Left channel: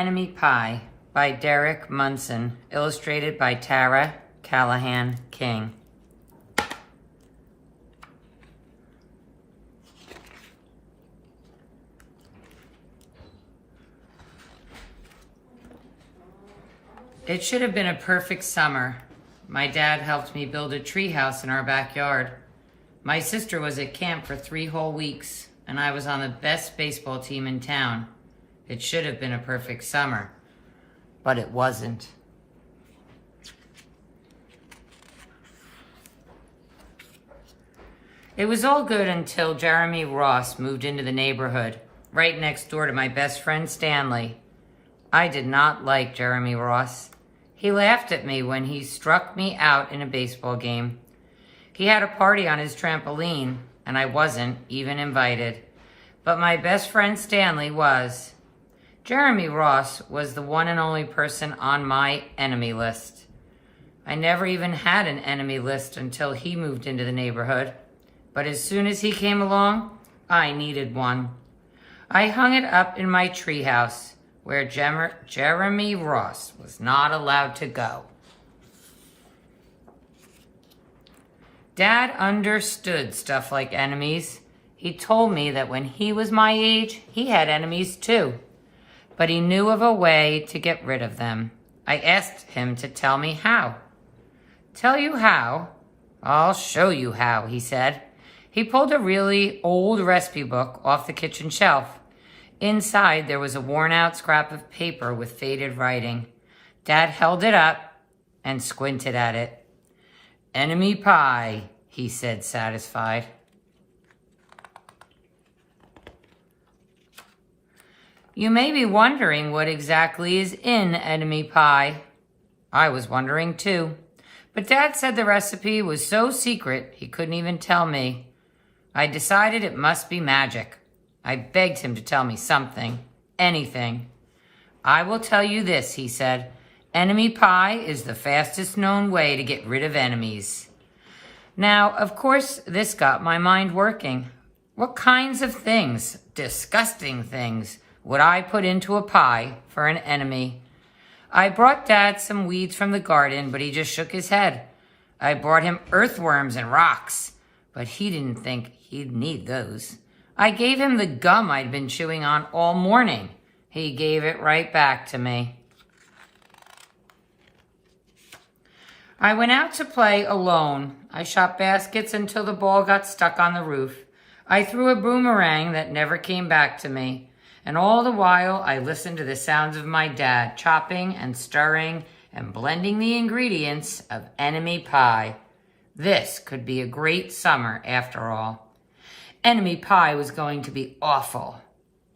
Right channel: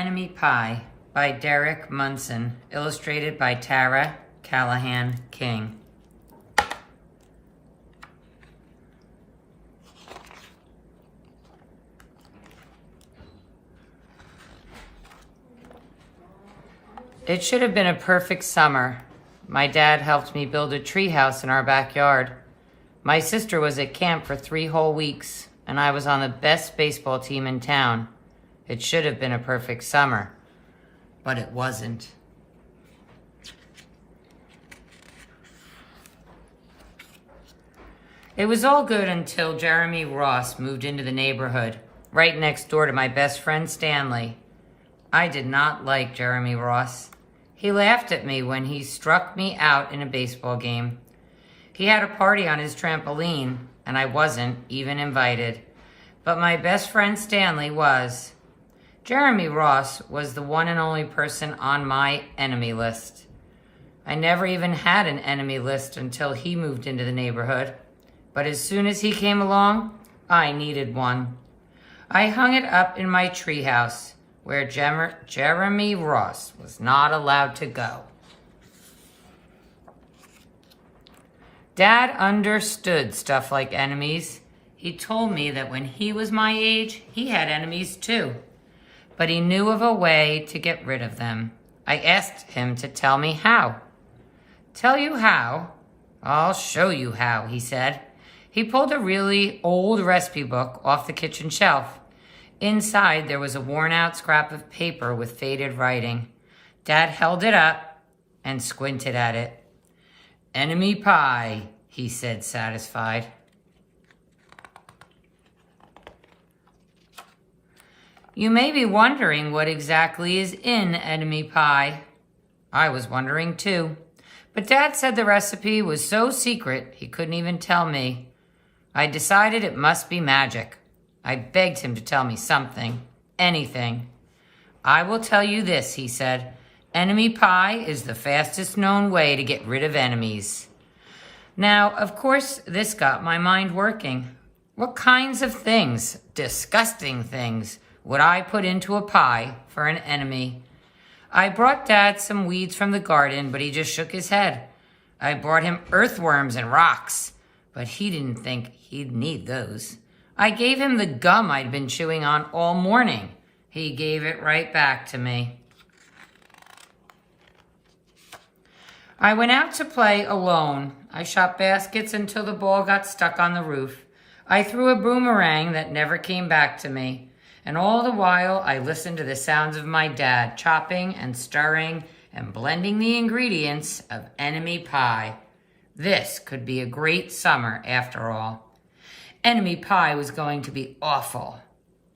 Enemy Pie by Derek Munson, illustrated by Tara Callahan King. It should have been a perfect summer. My dad helped me build a treehouse in our backyard. My sister was at camp for 3 whole weeks, and I was on the best baseball team in town. It should have been a perfect summer, but it wasn't. It was all good until Jeremy Ross moved into the neighborhood, right next door to my best friend Stanley. I did not like Jeremy Ross. He laughed at me when he struck me out in a baseball game. He had a party on his trampoline, and I wasn't even invited. But my best friend Stanley was. Jeremy Ross was the one and only person on my enemy list. I never even had an enemy list until he moved into the neighborhood. But as soon as he came along, I needed one. I hung it up in my treehouse, where Jeremy Ross was not allowed to go. Dad understood stuff like enemies. He told me that when he was my age, he had enemies too. But he knew of a way to get rid of them. I asked him to tell me how. Tell you how? I'll show you how, he said. He pulled a really old recipe book off the kitchen shelf. Inside, there was a worn-out scrap of paper with faded writing. Dad held it up and squinted at it. Enemy pie, he said, satisfied. You may be wondering what exactly is in enemy pie. I was wondering too. But Dad said the recipe was so secret he couldn't even tell me. I decided it must be magic. I begged him to tell me something, anything. I will tell you this, he said. Enemy pie is the fastest known way to get rid of enemies. Now, of course, this got my mind working. What kinds of things, disgusting things, would I put into a pie for an enemy? I brought Dad some weeds from the garden, but he just shook his head. I brought him earthworms and rocks, but he didn't think he'd need those. I gave him the gum I'd been chewing on all morning. He gave it right back to me. I went out to play alone. I shot baskets until the ball got stuck on the roof. I threw a boomerang that never came back to me. And all the while, I listened to the sounds of my dad chopping and stirring and blending the ingredients of enemy pie. This could be a great summer after all. Enemy pie was going to be awful.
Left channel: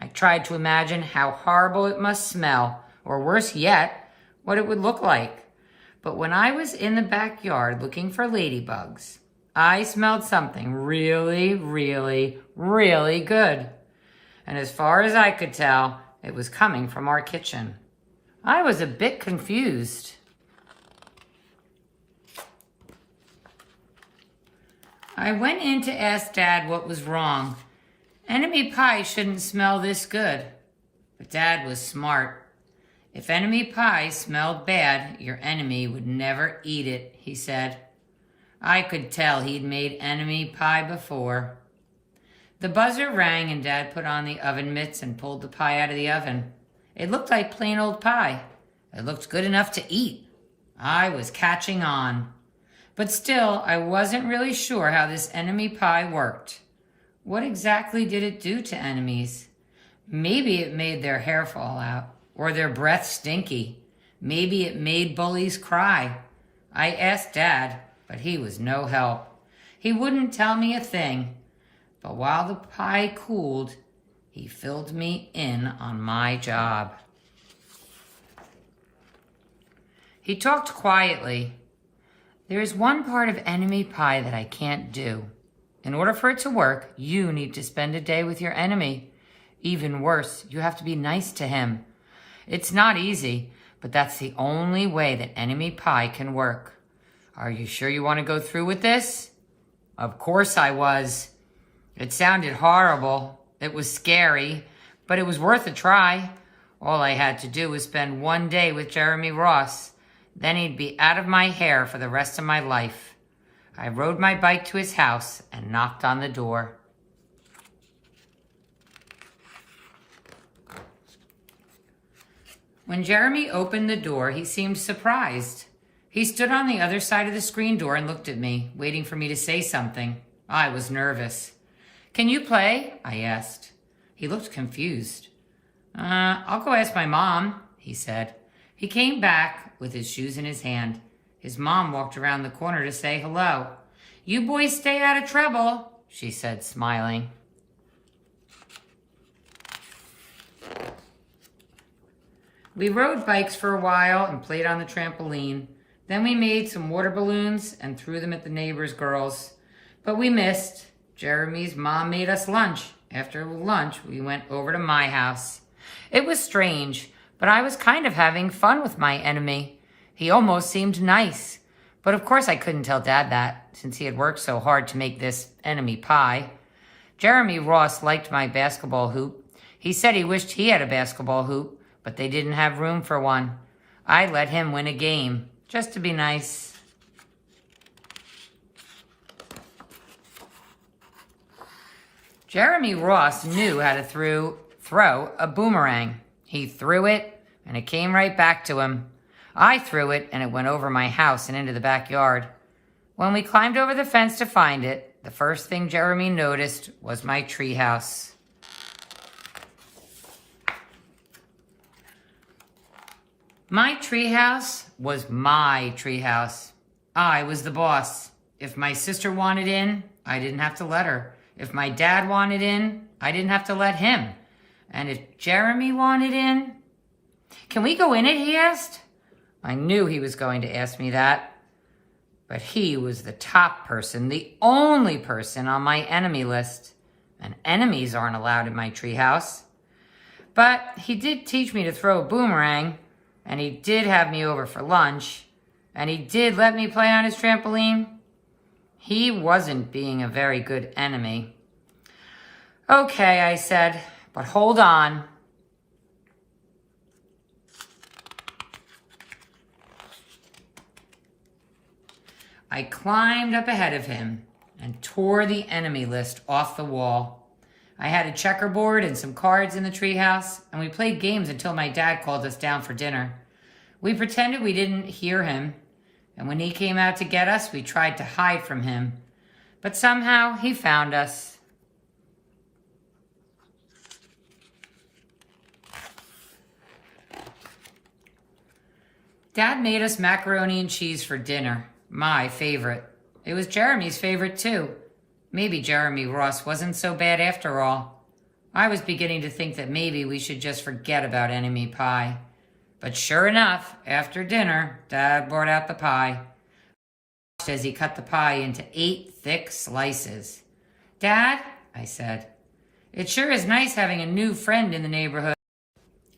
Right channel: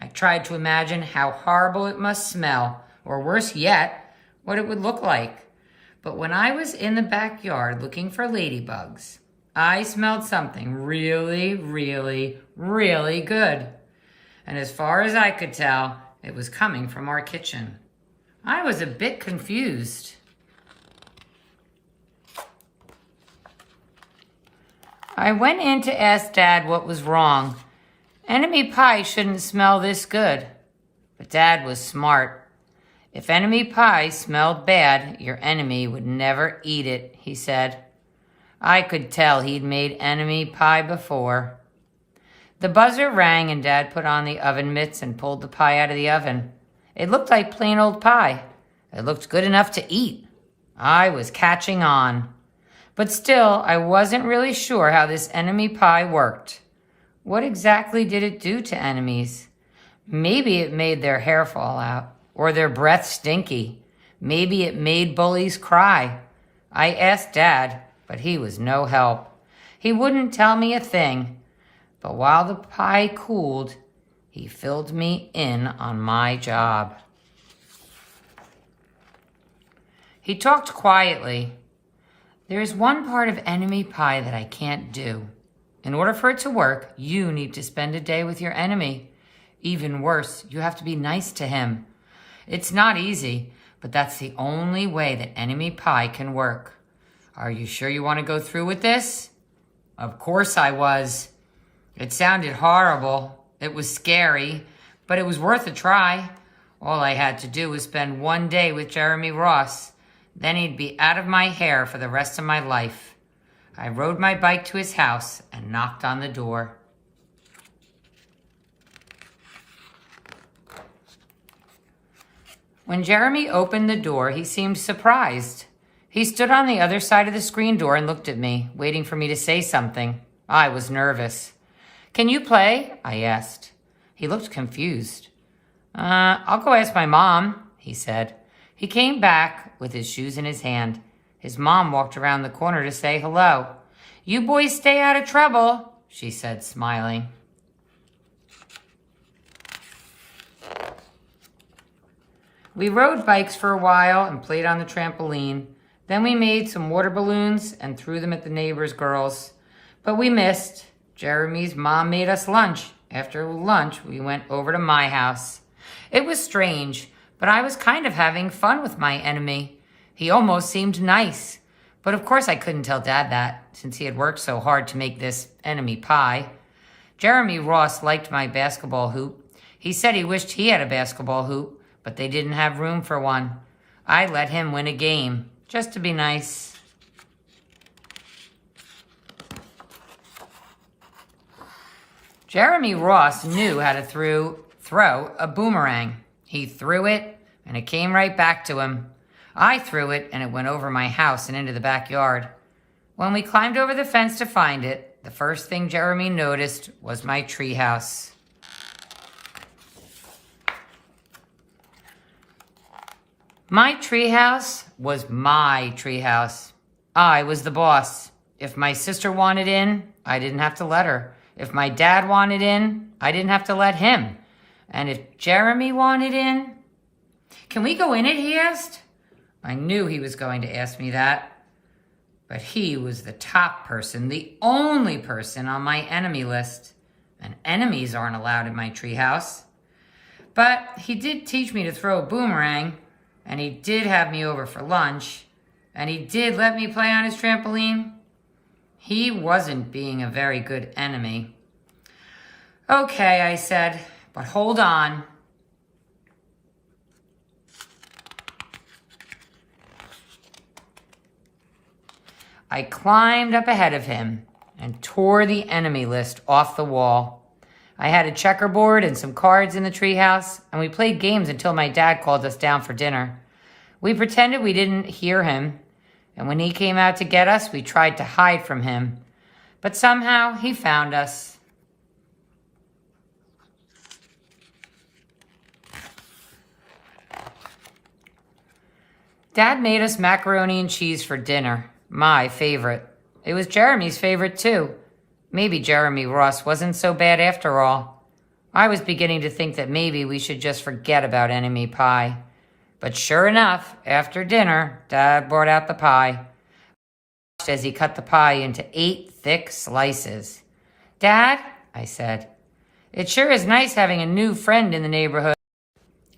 I tried to imagine how horrible it must smell, or worse yet, what it would look like. But when I was in the backyard looking for ladybugs, I smelled something really, really, really good. And as far as I could tell, it was coming from our kitchen. I was a bit confused. I went in to ask Dad what was wrong. Enemy pie shouldn't smell this good. But Dad was smart. If enemy pie smelled bad, your enemy would never eat it, he said. I could tell he'd made enemy pie before. The buzzer rang and Dad put on the oven mitts and pulled the pie out of the oven. It looked like plain old pie. It looked good enough to eat. I was catching on. But still, I wasn't really sure how this enemy pie worked. What exactly did it do to enemies? Maybe it made their hair fall out, or their breath stinky. Maybe it made bullies cry. I asked Dad, but he was no help. He wouldn't tell me a thing. But while the pie cooled, he filled me in on my job. He talked quietly. There is one part of enemy pie that I can't do. In order for it to work, you need to spend a day with your enemy. Even worse, you have to be nice to him. It's not easy, but that's the only way that enemy pie can work. Are you sure you want to go through with this? Of course I was. It sounded horrible. It was scary, but it was worth a try. All I had to do was spend one day with Jeremy Ross. Then he'd be out of my hair for the rest of my life. I rode my bike to his house and knocked on the door. When Jeremy opened the door, he seemed surprised. He stood on the other side of the screen door and looked at me, waiting for me to say something. I was nervous. "Can you play?" I asked. He looked confused. I'll go ask my mom," he said. He came back with his shoes in his hand. His mom walked around the corner to say hello. "You boys stay out of trouble," she said, smiling. We rode bikes for a while and played on the trampoline. Then we made some water balloons and threw them at the neighbors' girls. But we missed. Jeremy's mom made us lunch. After lunch, we went over to my house. It was strange, but I was kind of having fun with my enemy. He almost seemed nice. But of course I couldn't tell Dad that, since he had worked so hard to make this enemy pie. Jeremy Ross liked my basketball hoop. He said he wished he had a basketball hoop, but they didn't have room for one. I let him win a game, just to be nice. Jeremy Ross knew how to throw a boomerang. He threw it, and it came right back to him. I threw it, and it went over my house and into the backyard. When we climbed over the fence to find it, the first thing Jeremy noticed was my treehouse. My treehouse was my treehouse. I was the boss. If my sister wanted in, I didn't have to let her. If my dad wanted in, I didn't have to let him. And if Jeremy wanted in... "Can we go in it?" he asked. I knew he was going to ask me that. But he was the top person, the only person on my enemy list. And enemies aren't allowed in my treehouse. But he did teach me to throw a boomerang. And he did have me over for lunch. And he did let me play on his trampoline. He wasn't being a very good enemy. "Okay," I said, "but hold on." I climbed up ahead of him and tore the enemy list off the wall. I had a checkerboard and some cards in the treehouse, and we played games until my dad called us down for dinner. We pretended we didn't hear him, and when he came out to get us, we tried to hide from him. But somehow he found us. Dad made us macaroni and cheese for dinner, my favorite. It was Jeremy's favorite too. Maybe Jeremy Ross wasn't so bad after all. I was beginning to think that maybe we should just forget about enemy pie. But sure enough, after dinner, Dad brought out the pie. As he cut the pie into 8 thick slices. "Dad," I said, "it sure is nice having a new friend in the neighborhood."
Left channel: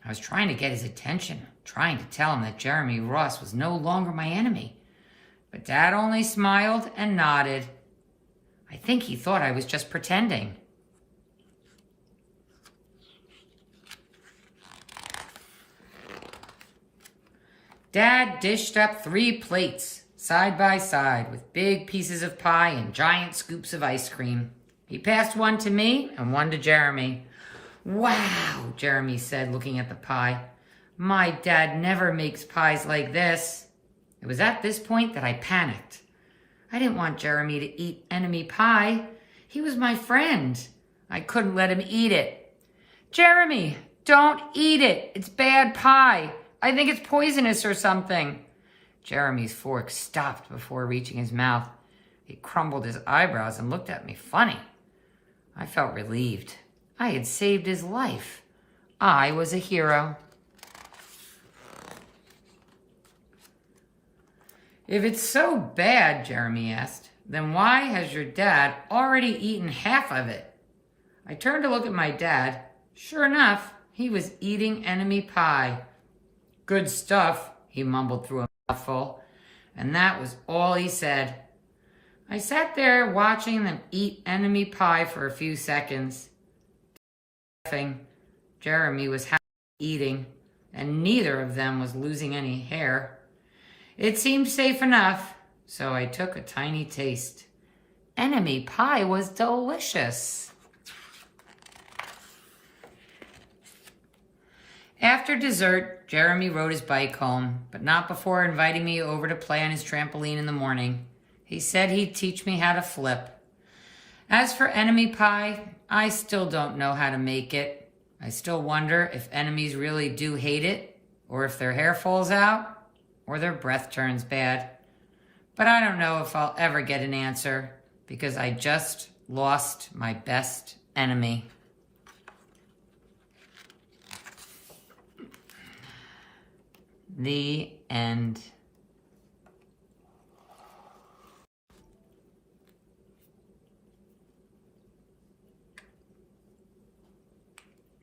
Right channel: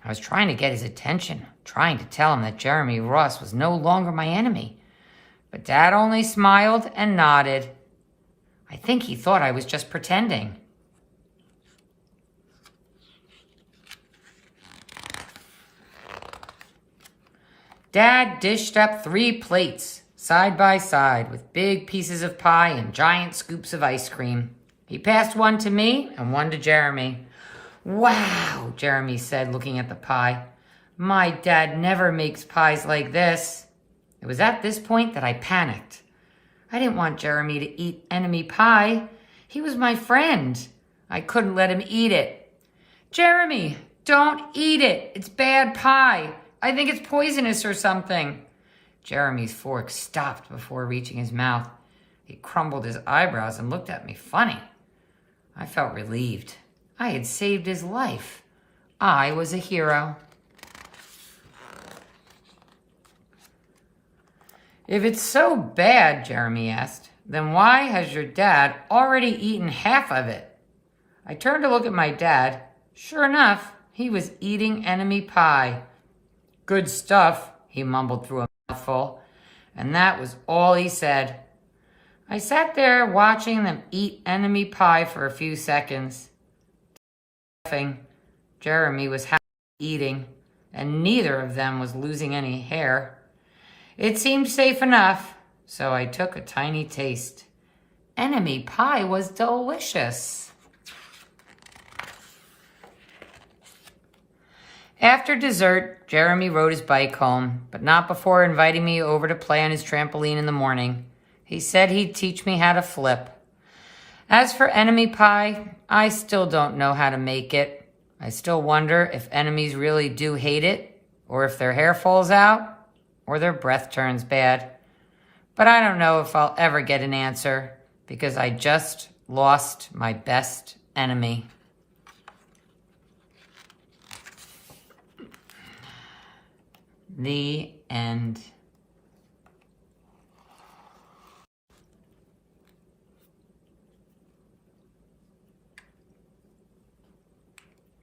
I was trying to get his attention, trying to tell him that Jeremy Ross was no longer my enemy. But Dad only smiled and nodded. I think he thought I was just pretending. Dad dished up 3 plates, side by side, with big pieces of pie and giant scoops of ice cream. He passed one to me and one to Jeremy. "Wow," Jeremy said, looking at the pie. "My dad never makes pies like this." It was at this point that I panicked. I didn't want Jeremy to eat enemy pie. He was my friend. I couldn't let him eat it. "Jeremy, don't eat it. It's bad pie. I think it's poisonous or something." Jeremy's fork stopped before reaching his mouth. He crumbled his eyebrows and looked at me funny. I felt relieved. I had saved his life. I was a hero. "If it's so bad," Jeremy asked, "then why has your dad already eaten half of it?" I turned to look at my dad. Sure enough, he was eating enemy pie. "Good stuff," he mumbled through a mouthful, and that was all he said. I sat there watching them eat enemy pie for a few seconds. Laughing. Jeremy was happy. eating, and neither of them was losing any hair. It seemed safe enough, so I took a tiny taste. Enemy pie was delicious. After dessert, Jeremy rode his bike home, but not before inviting me over to play on his trampoline in the morning. He said he'd teach me how to flip. As for enemy pie, I still don't know how to make it. I still wonder if enemies really do hate it, or if their hair falls out, or their breath turns bad. But I don't know if I'll ever get an answer, because I just lost my best enemy. The end.